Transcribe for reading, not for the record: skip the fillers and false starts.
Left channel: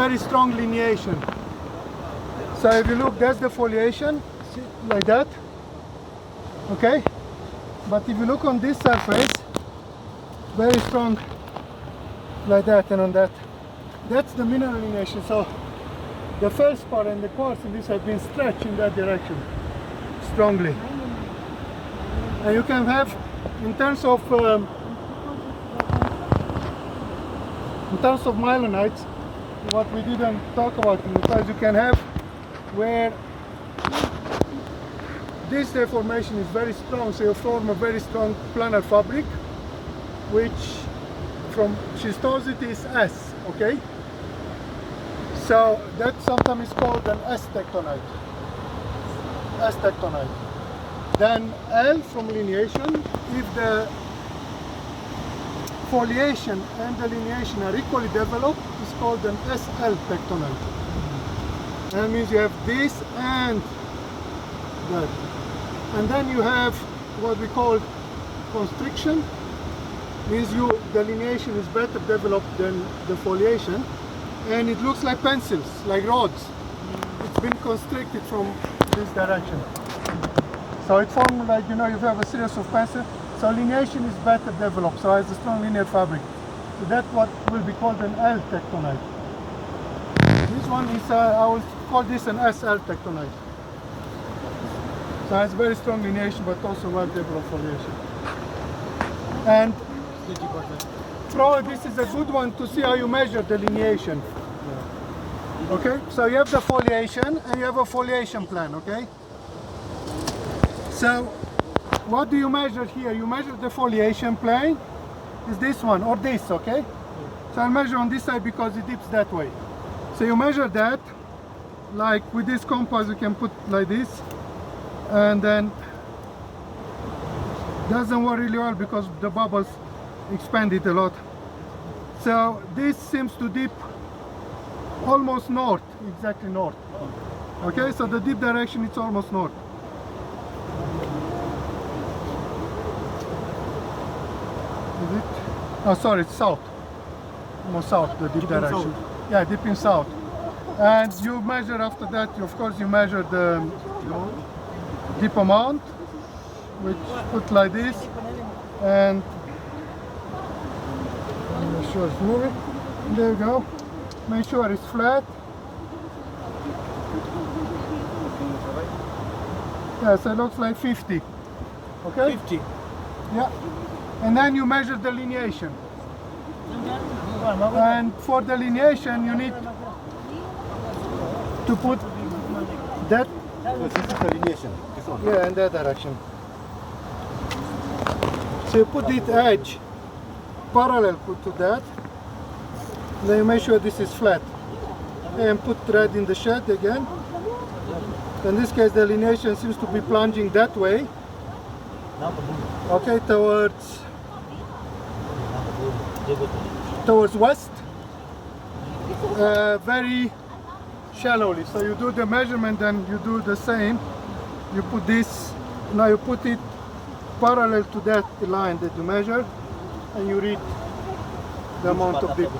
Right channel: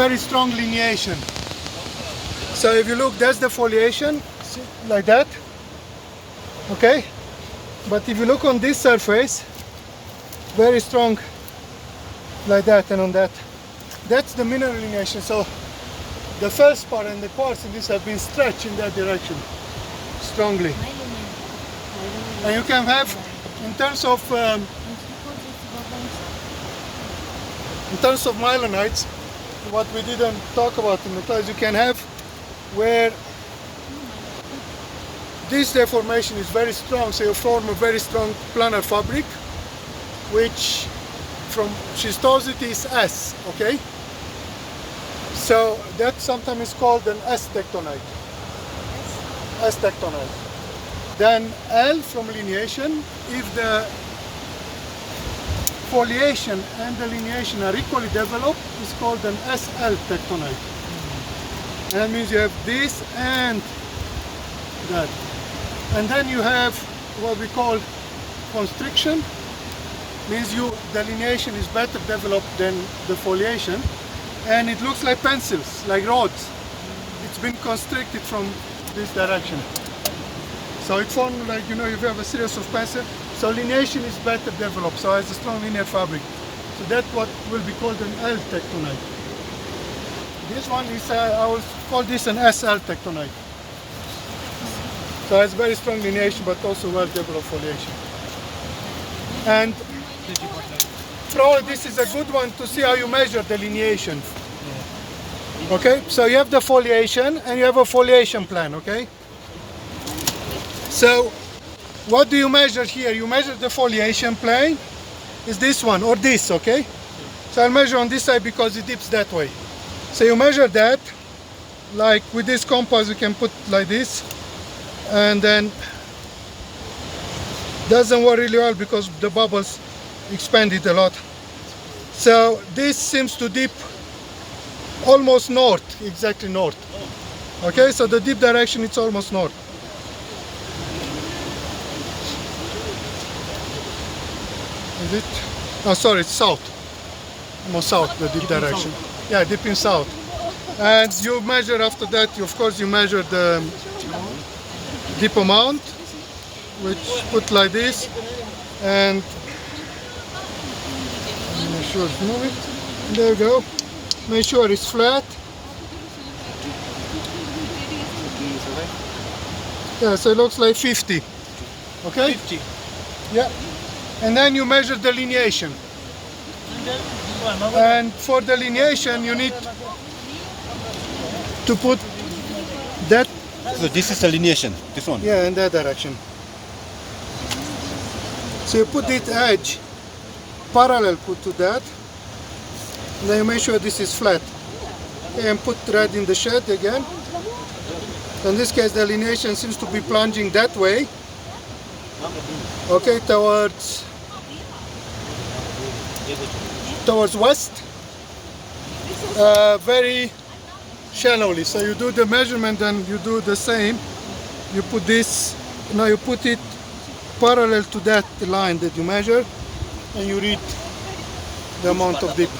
very strong lineation. So if you look, that's the foliation, see, like that. Okay? But if you look on this surface, very strong, like that, and on that. That's the mineral lineation. So the feldspar and the quartz in this have been stretched in that direction strongly. And you can have, in terms of Mylonites, what we didn't talk about in the class, you can have where this deformation is very strong, so you form a very strong planar fabric, which from schistosity is S, okay? So that sometimes is called an S tectonite. S tectonite. Then L from lineation, if the foliation and the lineation are equally developed, is called an SL tectonite. And that means you have this and that. And then you have what we call constriction, means the lineation is better developed than the foliation, and it looks like pencils, like rods. It's been constricted from this direction. So it forms like, you have a series of pencils. So lineation is better developed, so it has a strong linear fabric. So that's what will be called an L tectonite. This one is, I will call this an SL tectonite. So it has very strong lineation, but also well developed foliation. And probably this is a good one to see how you measure the lineation. Okay, so you have the foliation and you have a foliation plan, okay? So what do you measure here? You measure the foliation plane, is this one or this, okay? So I'll measure on this side because it dips that way. So you measure that, like with this compass you can put like this, and then doesn't work really well because the bubbles expanded a lot. So this seems to dip almost north, exactly north. Okay, so the dip direction it's almost north. Is it? Oh, sorry, it's south. No, south, the dip direction. Yeah, dipping south. And you measure after that, of course, you measure the dip amount, which put like this, and make sure it's moving. There we go. Make sure it's flat. Yeah, so it looks like 50. Okay? 50. Yeah. And then you measure the lineation. And for the lineation, you need to put that. So this is the lineation, this one? Yeah, in that direction. So you put this edge parallel to that. Then you make sure this is flat. And put thread in the shed again. In this case, the lineation seems to be plunging that way. Okay, towards west. Very shallowly. So you do the measurement and you do the same. You put this, now you put it parallel to that line that you measured, and you read the amount of dip.